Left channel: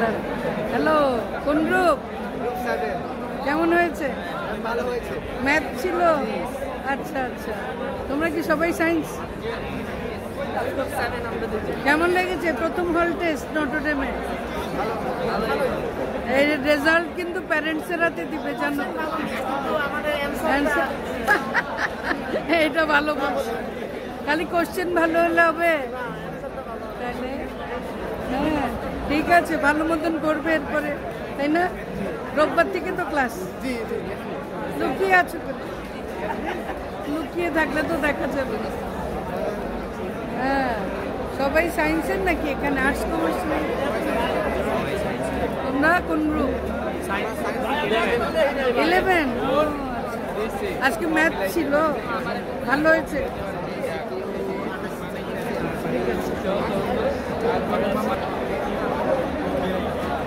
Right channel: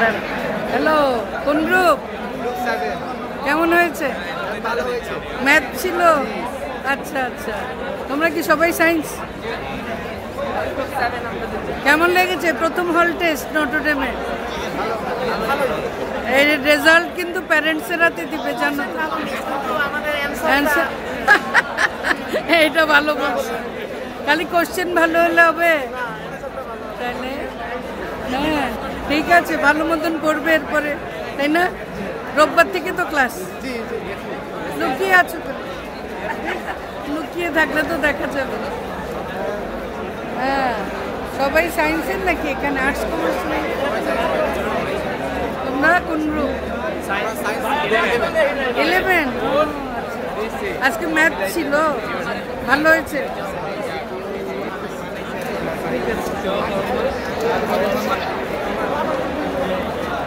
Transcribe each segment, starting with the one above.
Hello, কোন group? Group 7। কেমন হয়েছে? ভালো হয়েছে। ম্যাথ ছিল? আচ্ছা আচ্ছা। তোমরা কি সবাই সায়েন্স? কেমন লেগেছে প্রথম হল টেস্ট নটরডেমে? এই রেজাল্ট কিন্তু প্যারেন্টসের হাতে দিবে, জানো তো? এইটা ভালো বলছে, খালি কোশ্চেন ভালো হলে হবে? তাহলে হ্যাঁ ঠিক আছে, ভালো মতন করবে এরপরে, তাই না? রোববার থেকে তো ক্লাস। লুকিয়ে আছো তো? লুকিয়ে থাকলে তো দেখা যাবে না। হ্যাঁ, সবাই সায়েন্সের নাকি এখানে? আর্টস কমার্স নেই? তোমরা কোন গ্রুপ? 11। ও আচ্ছা, আজকে ম্যাথ ছিল, ভালো হয়েছে।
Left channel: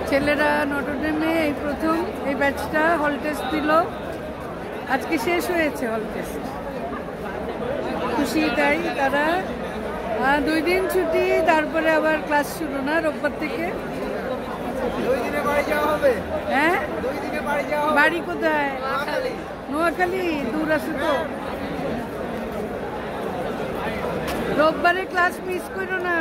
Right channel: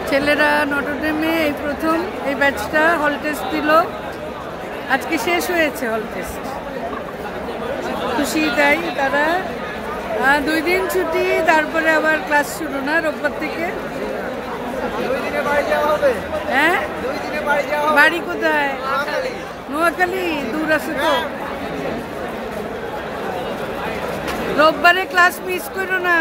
ছেলেরা নটরডেমে এই প্রথম এই ব্যাচটা হল টেস্ট দিল, আজকে শেষ হয়েছে হল টেস্ট। খুশি তাই তারা? 2 দিন ছুটি, তারপরে আবার ক্লাস শুরু না রোববার থেকে? হ্যাঁ, বাড়ি কোথায়? নোয়াখালী। দূর আছে তো। রোববারে ক্লাস মিস করো না।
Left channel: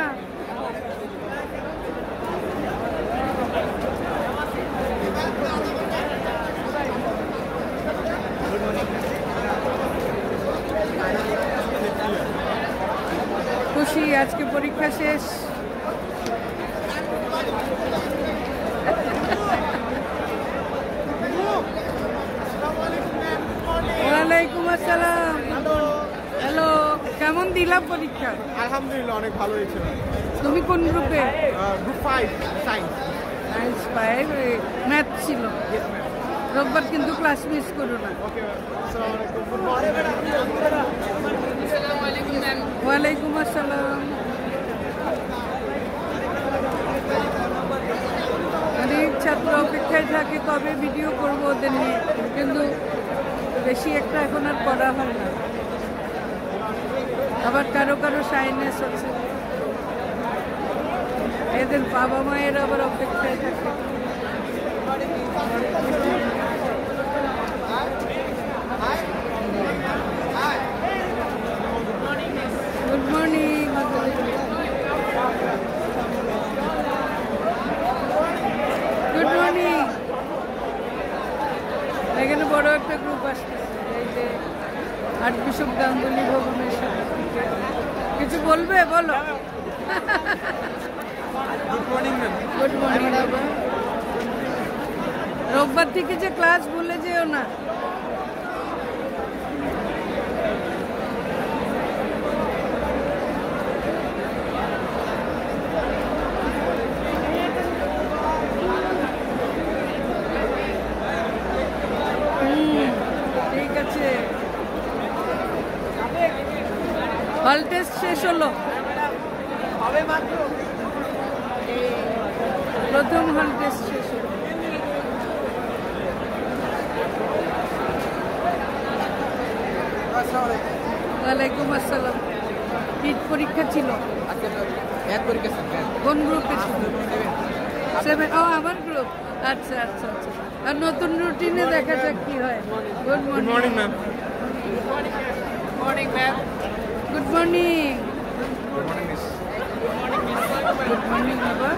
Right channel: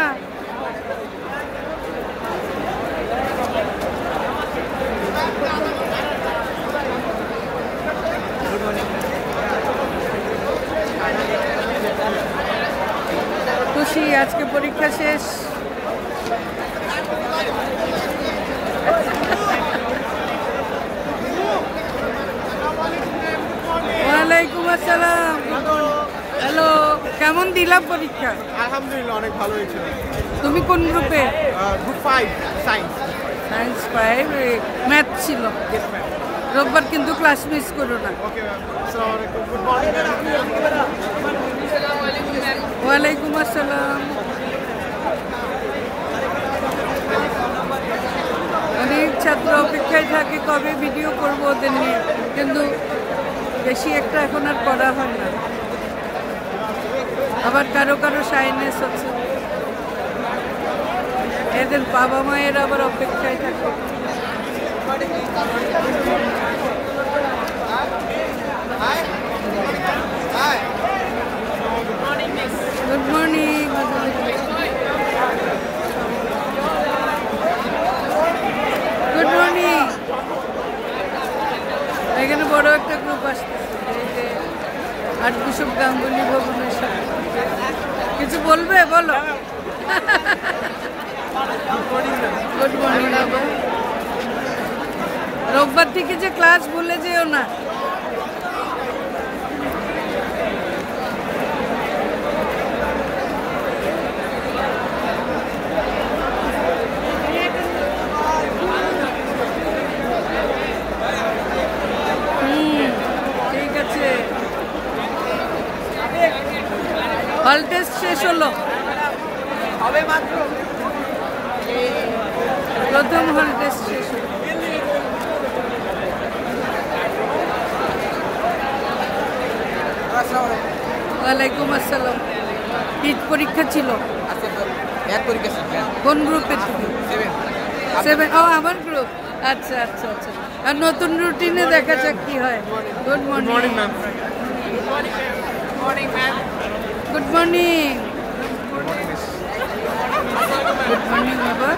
খুশি আজকে পরীক্ষা শেষ। ওয়ালাইকুম আসসালাম। হ্যালো, কেমন দিলাম পরীক্ষা? আলহামদুলিল্লাহ, অনেক ভালো হয়েছে। তুমি কোন গ্রুপে? Group 5 science. সায়েন্স 5। ম্যাথ ছিল রোববার, কিন্তু ক্লাস মিস করো না। ওকে, আসসালামু আলাইকুম। Good morning. ওয়ালাইকুম আসসালাম। অনেক ছাত্র অপেক্ষায় থাকে কবে ভিডিও করবো ওদের নিয়ে, কিন্তু বেশি একটা এখন আর করা হয় না। আবার কারো কারো সাইনেস আছে, এদের বাবা মায়ের আবার অপেক্ষায় থাকে। Good morning. Good morning. এখানে বড় একটা গ্রুপ আসতেছে, এই যে আর্চবিশপ গাঙ্গুলি ভবনের সাথে। কিছু বলবে? বলো। Good morning. আবার রোববার থেকে যে ক্লাস ভুলে যেও না। ঠিক আছে, হল টেস্ট শেষ হলো, প্রথম হল টেস্ট শেষ হলো। ওয়ালাইকুম আসসালাম। পিট পরীক্ষা ছিল? কোন গ্রুপে ছিল? 7। ও, আমার গ্রুপ। আচ্ছা আচ্ছা আচ্ছা। আর নতুন রুটিনে দেখা যাক কি হয়। Good morning ma'am. Good morning. Good morning বাবা।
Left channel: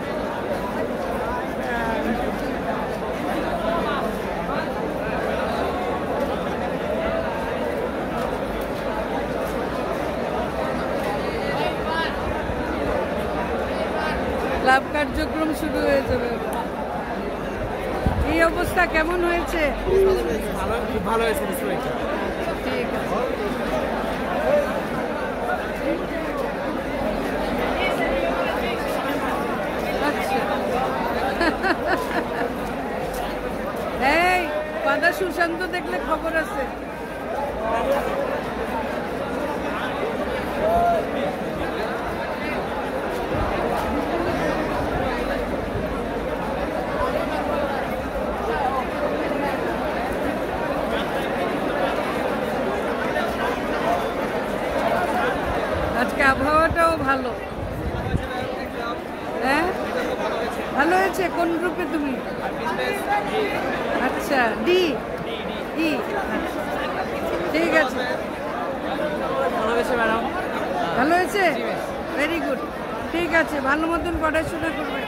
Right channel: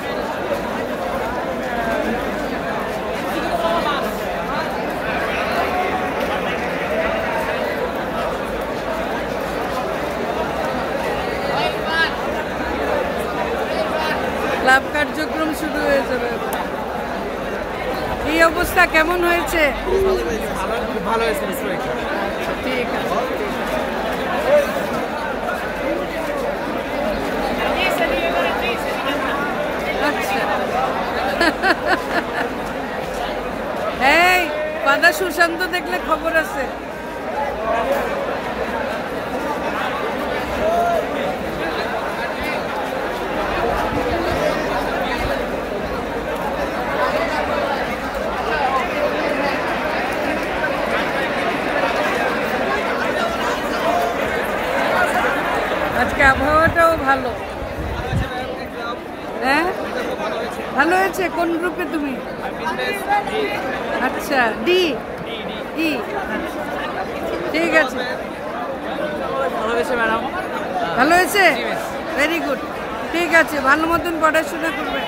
ক্লাব কার্যক্রম শুরু হয়ে যাবে। এই অবস্থা কেমন হয়েছে? খুব ভালো হয়েছে। ঠিক আছে। আচ্ছা, এই পাদা সুশান্ত দেখলে খবর আছে। আজকে আবহাওয়াটাও ভালো। হ্যাঁ, ভালো হয়েছে। হয়েছে? কোন গ্রুপে তুমি? আচ্ছা, ডি ই। ঠিক আছে, ভালো হয়েছে ম্যাডাম। ভালো হয়েছে, ভেরি গুড। ঠিক আছে, ভালো মতন পড়াশোনা করবে।